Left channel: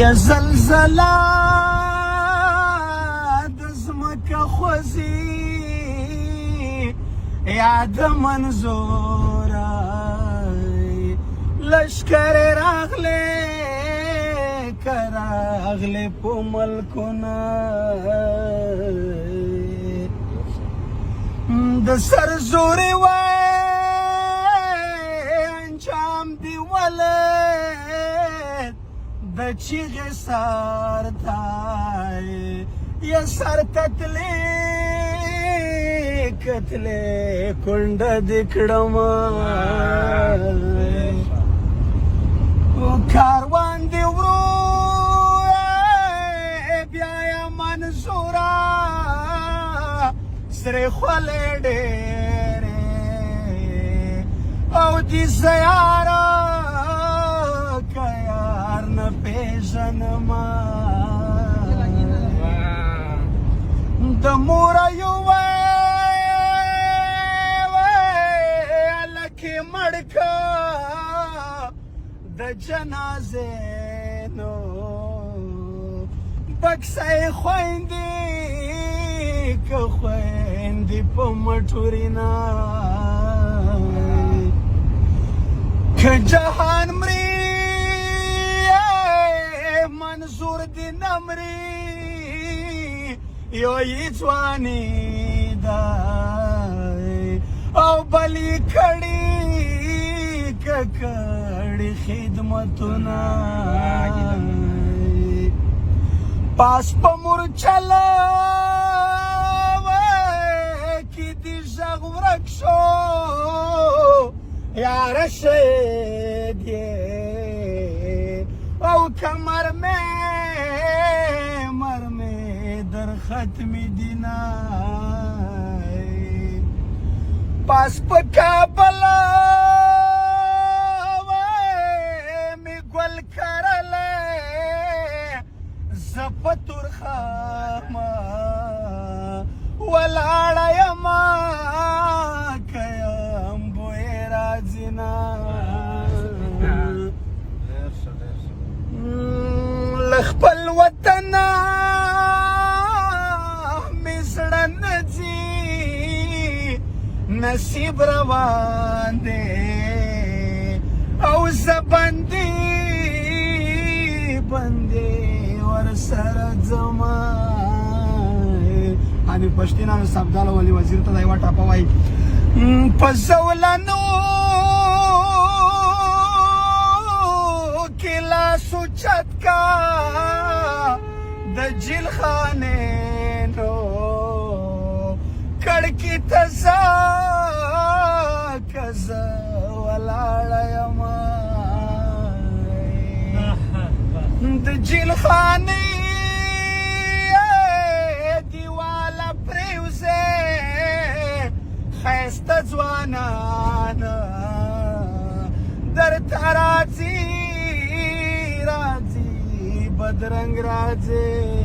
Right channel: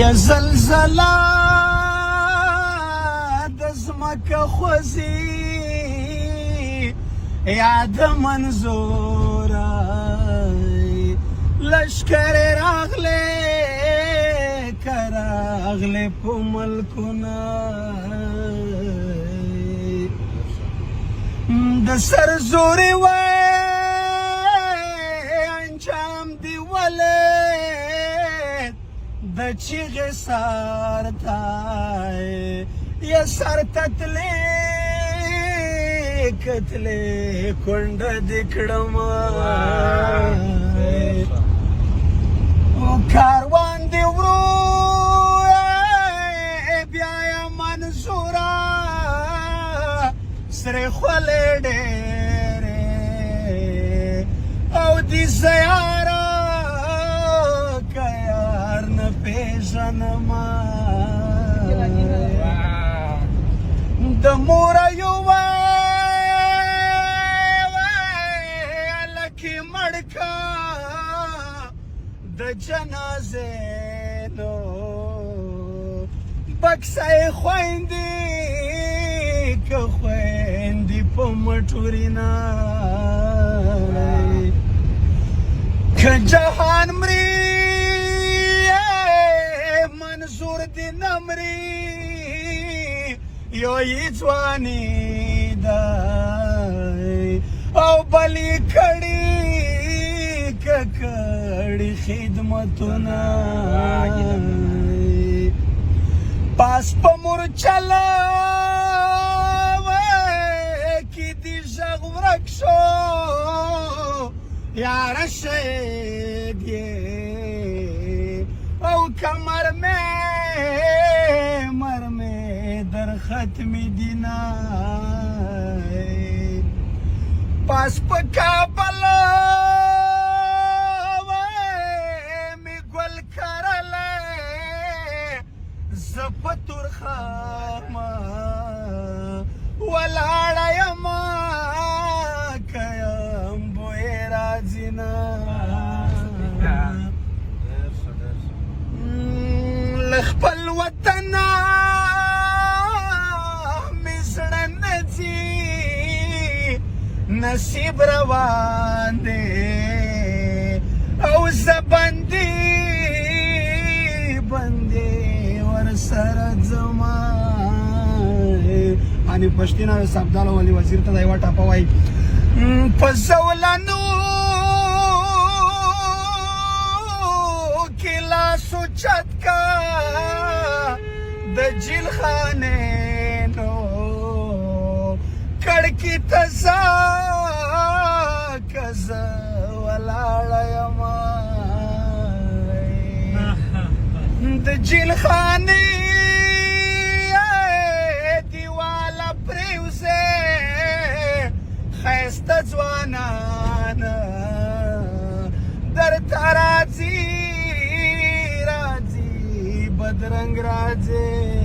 یا زلزله د ځمکه خوځي یا د منظوره لشکر راغلی که راغلی په ملکونه د سر زوري وای انجام دی ولې د چیغې سر تای یا سر تتلی کتلی کونډه دې کړمه کاروان دې ورو بیا یې منصوره سرې خولې ډېرې او دې زیاره که یار نه پېژنمه د موره یوه لکې مړ که د جنازې نو بکسه یې خویندې که خویندې په مټورینه که جهان مري منظور دې نه مري یو یې ځواني ده او بل یې کړي که کړي خدمتونه پاس په مورچله کې دې غږ ورک شو یاره شهید یې او کمر مې در ختمی دینه پاس په کابل می ګل کرله زه په تورخامه ولاړه یمه که یم بوی راځي نه له خپل وطنه مې زړه نه ځي نصیب روان دی او زه بندي ورسره ځمه اني پښتینه یو سبداله ولي وزیر ته دا یوه ټاپه وایي په زولنو کې لاس اوچت کا د جیل خانې نو کړکۍ ته ځه که زه ولاړه یمه د جیل خانې دیواله پرېوځې ښایسته ځوانان درته راځي بدرنګ راځي